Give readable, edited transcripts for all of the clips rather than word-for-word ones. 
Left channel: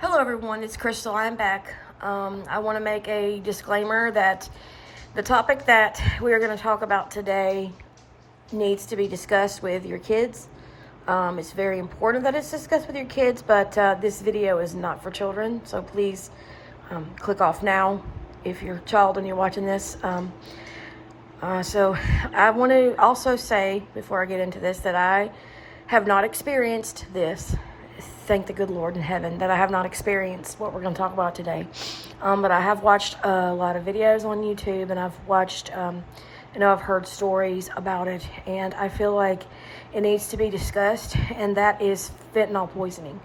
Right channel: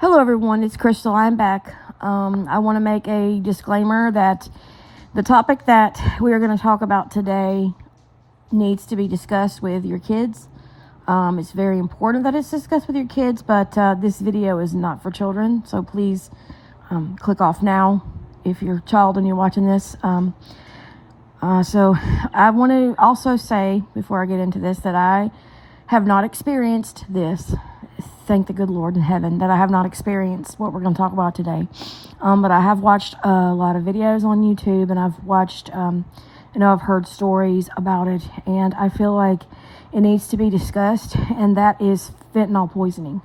Hello everyone, it's Crystal. I'm back. I want to make a disclaimer that the topic that we are going to talk about today needs to be discussed with your kids. It's very important that it's discussed with your kids, but this video is not for children, so please click off now if you're a child and you're watching this. So I want to also say, before I get into this, that I have not experienced this. Thank the good Lord in heaven that I have not experienced what we're going to talk about today. But I have watched a lot of videos on YouTube, and I've watched, I've heard stories about it, and I feel like it needs to be discussed, and that is fentanyl poisoning.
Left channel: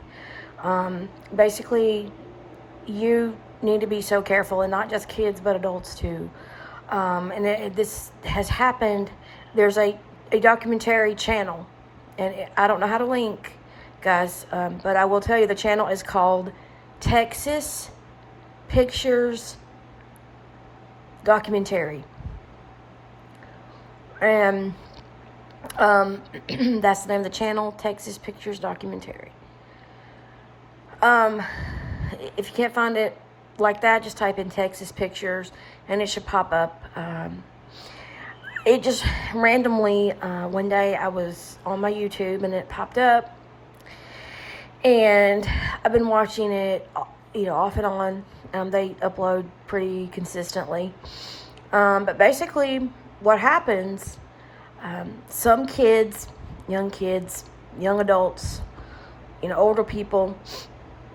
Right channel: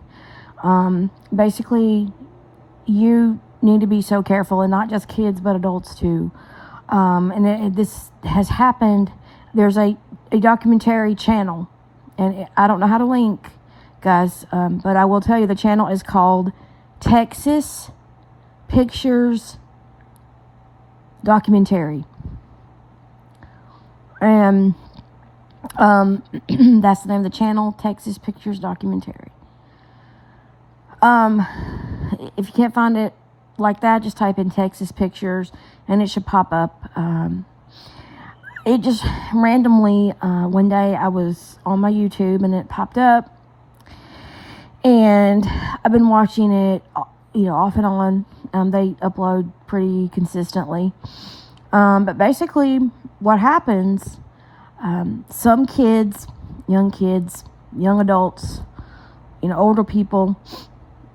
Basically, you need to be so careful, and not just kids, but adults too. This has happened. There's a documentary channel, and I don't know how to link, guys, but I will tell you the channel is called Texas Pictures Documentary, and that's the name of the channel, Texas Pictures Documentary. If you can't find it like that, just type in Texas Pictures and it should pop up. It just randomly, one day I was on my YouTube and it popped up. And I've been watching it, off and on. They upload pretty consistently. But basically, what happens, some kids, young adults, older people,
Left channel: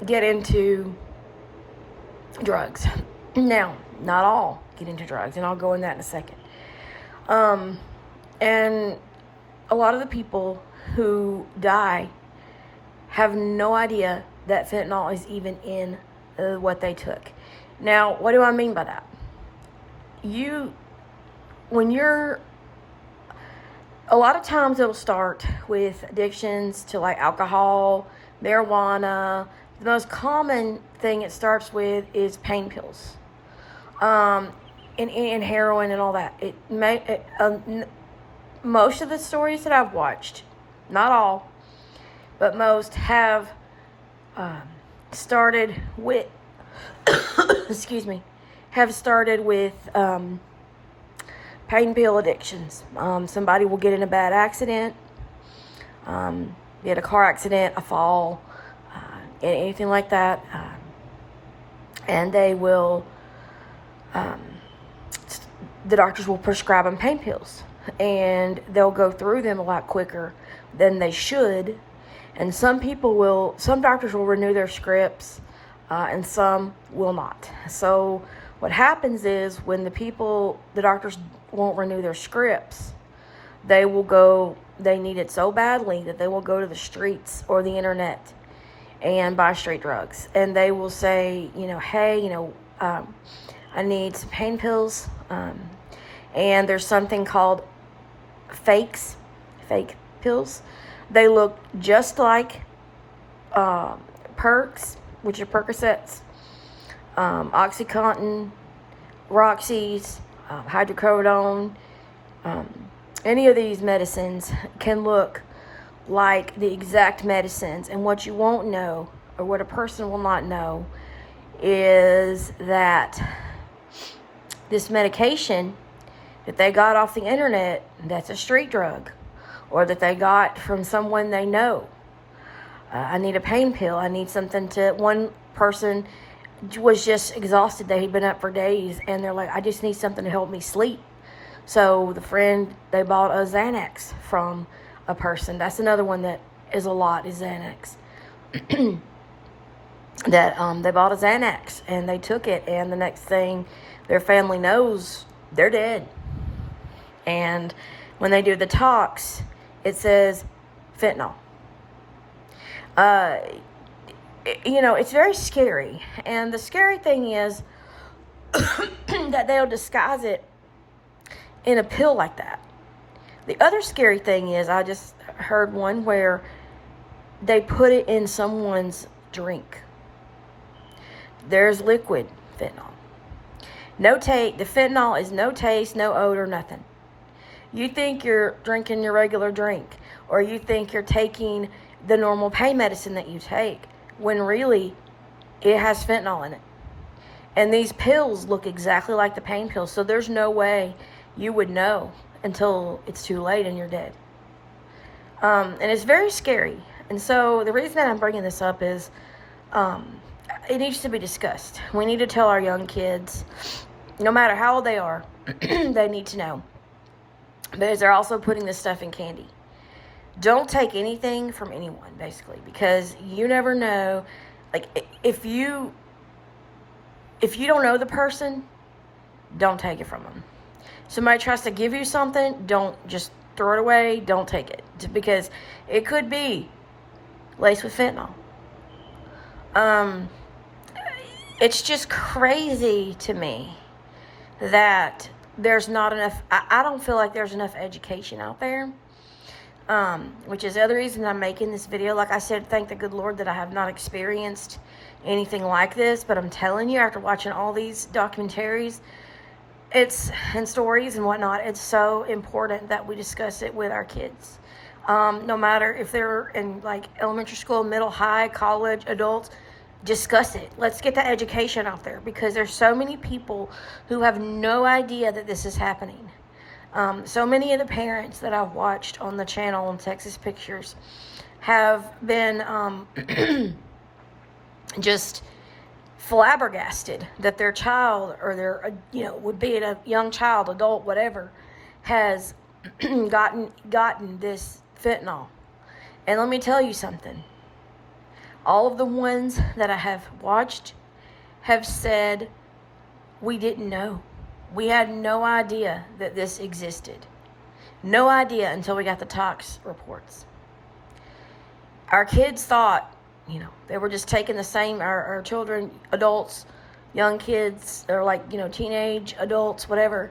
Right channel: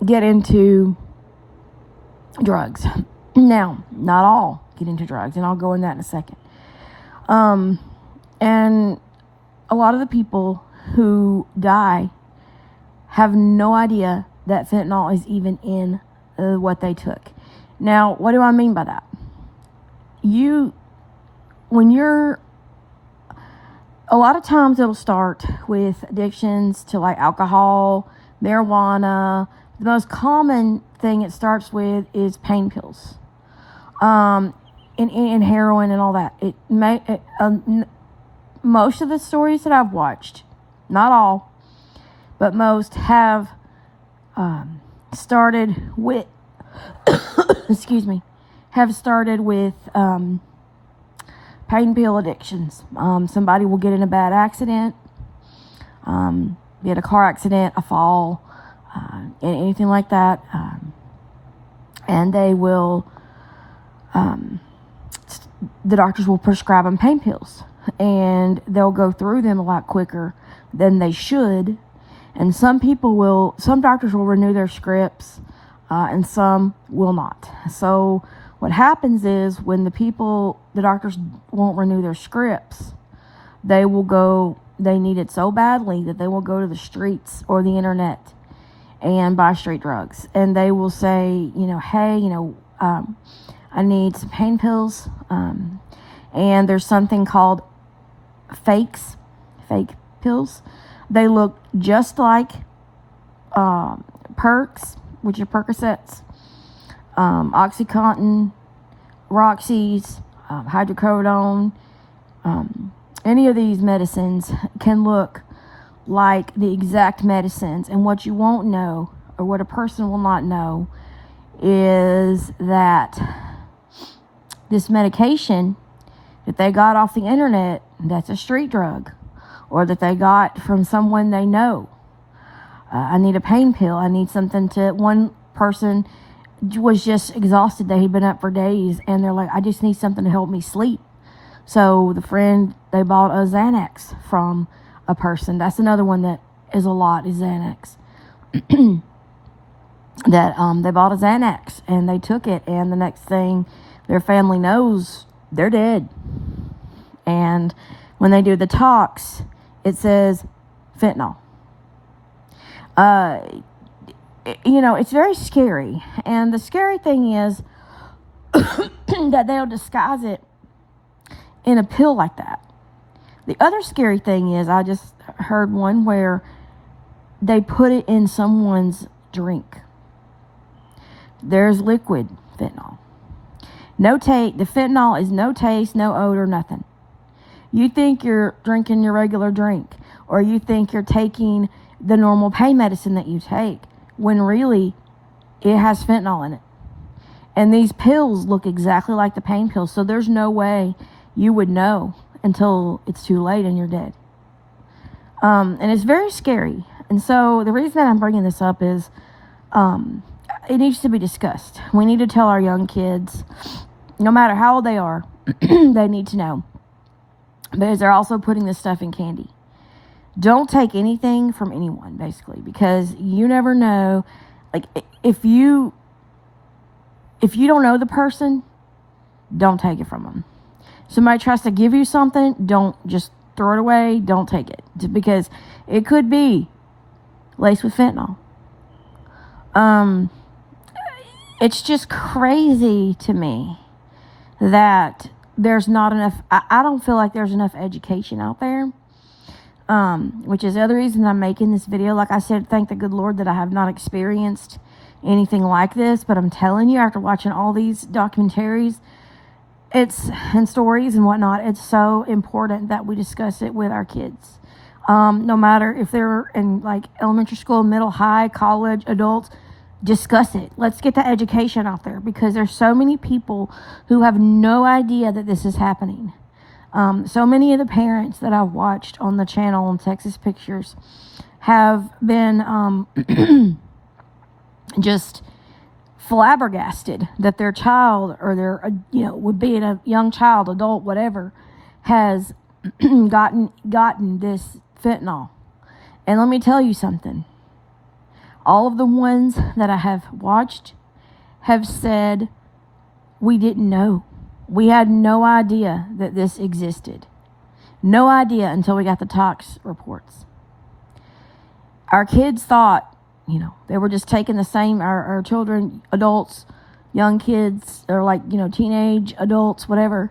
get into drugs. Now, not all get into drugs, and I'll go in that in a second. And a lot of the people who die have no idea that fentanyl is even in what they took. Now, what do I mean by that? A lot of times it'll start with addictions to like alcohol, marijuana. The most common thing it starts with is pain pills, and heroin and all that. Most of the stories that I've watched, not all, but most have started with, pain pill addictions. Somebody will get in a bad accident, get a car accident, a fall, anything like that, and they will, the doctors will prescribe them pain pills, and they'll go through them a lot quicker than they should. And some doctors will renew their scripts, and some will not. So what happens is when the doctors won't renew their scripts, they need it so badly that they will go to the streets or the internet and buy street drugs. And they will say, hey, I need some pain pills. And there's something called fake pills. They look just like Perks, which are Percocets, Oxycontin, Roxy's, hydrocodone. Any of these medicines can look like the exact medicines. And what you won't know, or what a person will not know, is that this medication that they got off the internet, that's a street drug, or that they got from someone they know. I need a pain pill. I need something one person was just exhausted. They had been up for days, and they're like, I just need something to help me sleep. So they bought a Xanax from a person. That's another one that is a lot, is Xanax. That they bought a Xanax, and they took it, and the next thing their family knows, they're dead. And when they do the tox, it says fentanyl. It's very scary. And the scary thing is that they'll disguise it in a pill like that. The other scary thing is, I just heard one where they put it in someone's drink. There's liquid fentanyl. The fentanyl is no taste, no odor, nothing. You think you're drinking your regular drink, or you think you're taking the normal pain medicine that you take, when really it has fentanyl in it. And these pills look exactly like the pain pills. So there's no way you would know until it's too late and you're dead. And it's very scary. And so the reason that I'm bringing this up is it needs to be discussed. We need to tell our young kids, no matter how old they are, they need to know. Because they're also putting this stuff in candy. Don't take anything from anyone, basically, because you never know. Like, if you don't know the person, don't take it from them. Somebody tries to give you something, don't just throw it away. Don't take it, because it could be laced with fentanyl. It's just crazy to me that there's not enough. I don't feel like there's enough education out there. Which is the other reason I'm making this video. Like I said, thank the good Lord that I have not experienced anything like this. But I'm telling you, after watching all these documentaries, and stories and whatnot, it's so important that we discuss it with our kids. No matter if they're in like elementary school, middle, high, college, adults, discuss it. Let's get the education out there, because there's so many people who have no idea that this is happening. So many of the parents that I've watched on the channel on Texas Pictures have been just flabbergasted that their child, or their would be a young child, adult, whatever, has gotten this fentanyl. And let me tell you something. All of the ones that I have watched have said, we didn't know. We had no idea that this existed. No idea until we got the tox reports. Our kids thought, they were just taking the same, our children, adults, young kids, or like, teenage adults, whatever,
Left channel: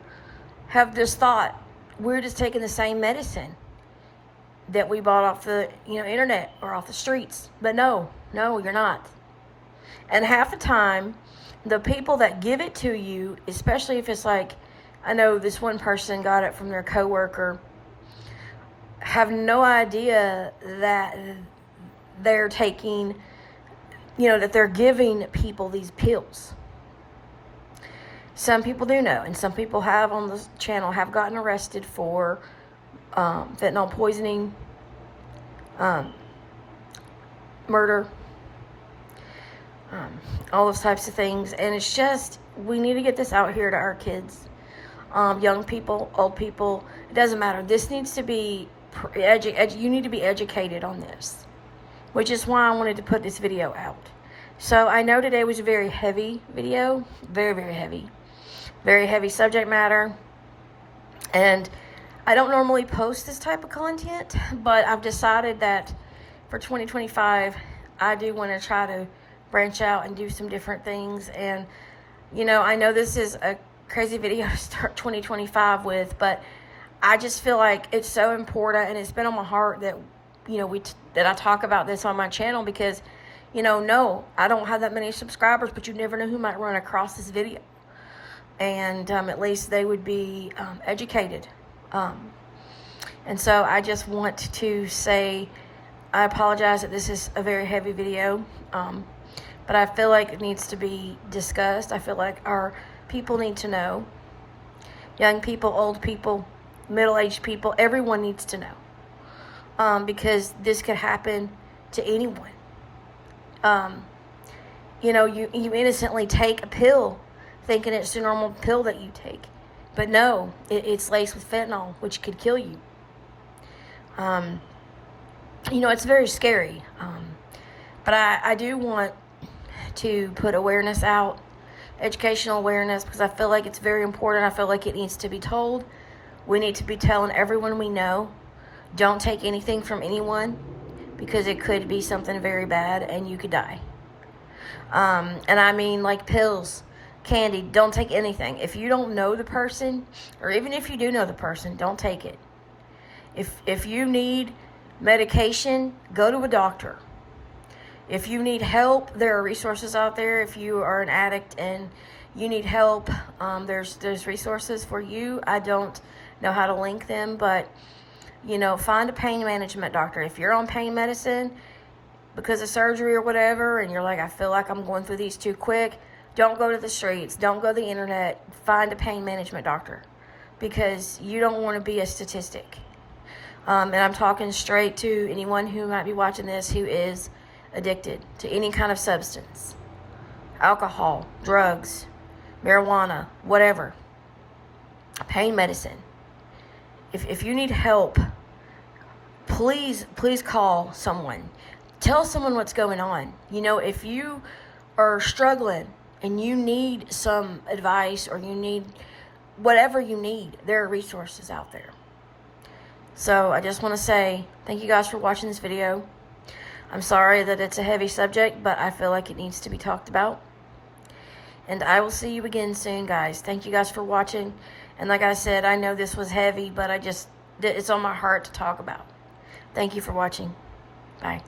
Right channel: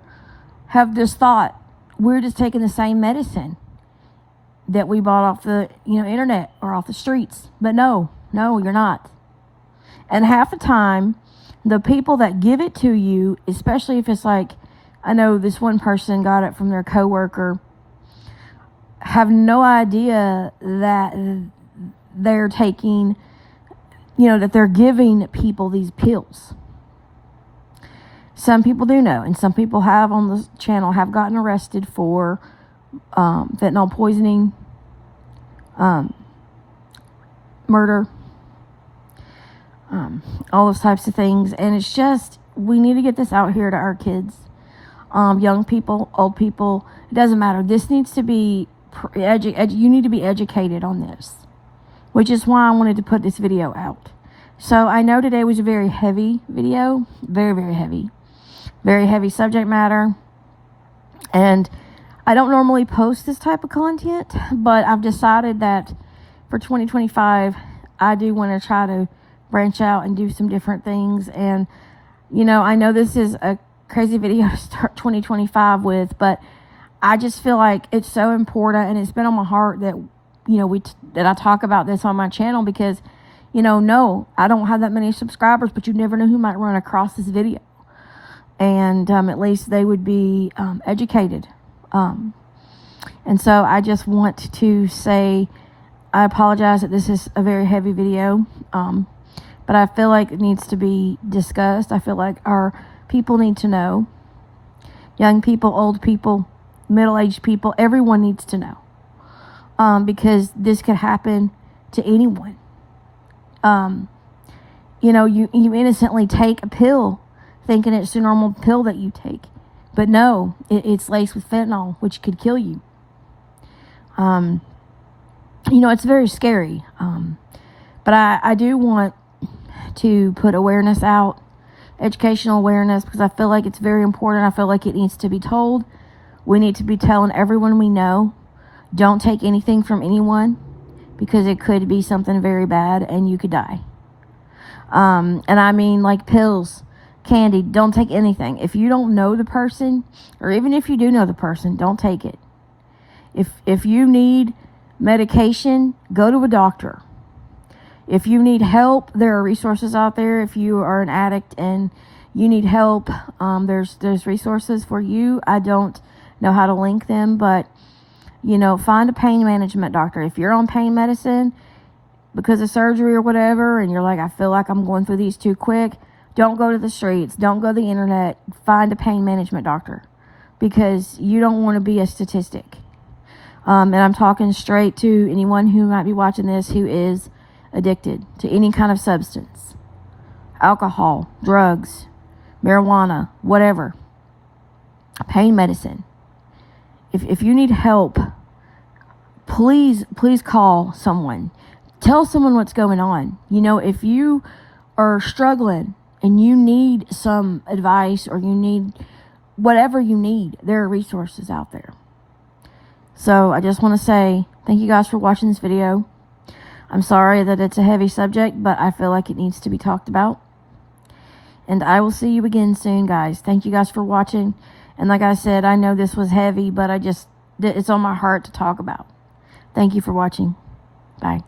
have this thought, we're just taking the same medicine that we bought off the, internet or off the streets. But no, you're not. And half the time, the people that give it to you, especially if it's like, I know this one person got it from their coworker, have no idea that they're taking, that they're giving people these pills. Some people do know, and some people have on the channel have gotten arrested for fentanyl poisoning, murder, all those types of things. And it's just, we need to get this out here to our kids, young people, old people, it doesn't matter. This needs to be you need to be educated on this, which is why I wanted to put this video out. So I know today was a very heavy video, very, very heavy subject matter, and I don't normally post this type of content, but I've decided that for 2025 I do want to try to branch out and do some different things. And I know this is a crazy video to start 2025 with, but I just feel like it's so important, and it's been on my heart that that I talk about this on my channel, because no, I don't have that many subscribers, but you never know who might run across this video, and at least they would be educated. And so I just want to say I apologize that this is a very heavy video, but I feel like it needs to be discussed. I feel like our people need to know. Young people, old people, middle-aged people, everyone needs to know. Because this could happen to anyone. You innocently take a pill thinking it's a normal pill that you take. But no, it's laced with fentanyl, which could kill you. It's very scary. But I do want to put awareness out, educational awareness, because I feel like it's very important. I feel like it needs to be told. We need to be telling everyone we know, don't take anything from anyone, because it could be something very bad and you could die. And I mean, like pills, candy, don't take anything. If you don't know the person, or even if you do know the person, don't take it. If you need medication, go to a doctor. If you need help, there are resources out there. If you are an addict and you need help, there's resources for you. I don't know how to link them, but find a pain management doctor. If you're on pain medicine, because of surgery or whatever, and you're like, I feel like I'm going through these too quick, don't go to the streets. Don't go to the internet. Find a pain management doctor, because you don't want to be a statistic. And I'm talking straight to anyone who might be watching this who is addicted to any kind of substance. Alcohol, drugs, marijuana, whatever. Pain medicine. If you need help, please call someone. Tell someone what's going on. You know, if you are struggling and you need some advice, or you need whatever you need, there are resources out there. So I just want to say thank you guys for watching this video. I'm sorry that it's a heavy subject, but I feel like it needs to be talked about. And I will see you again soon, guys. Thank you guys for watching. And like I said, I know this was heavy, but it's on my heart to talk about. Thank you for watching. Bye.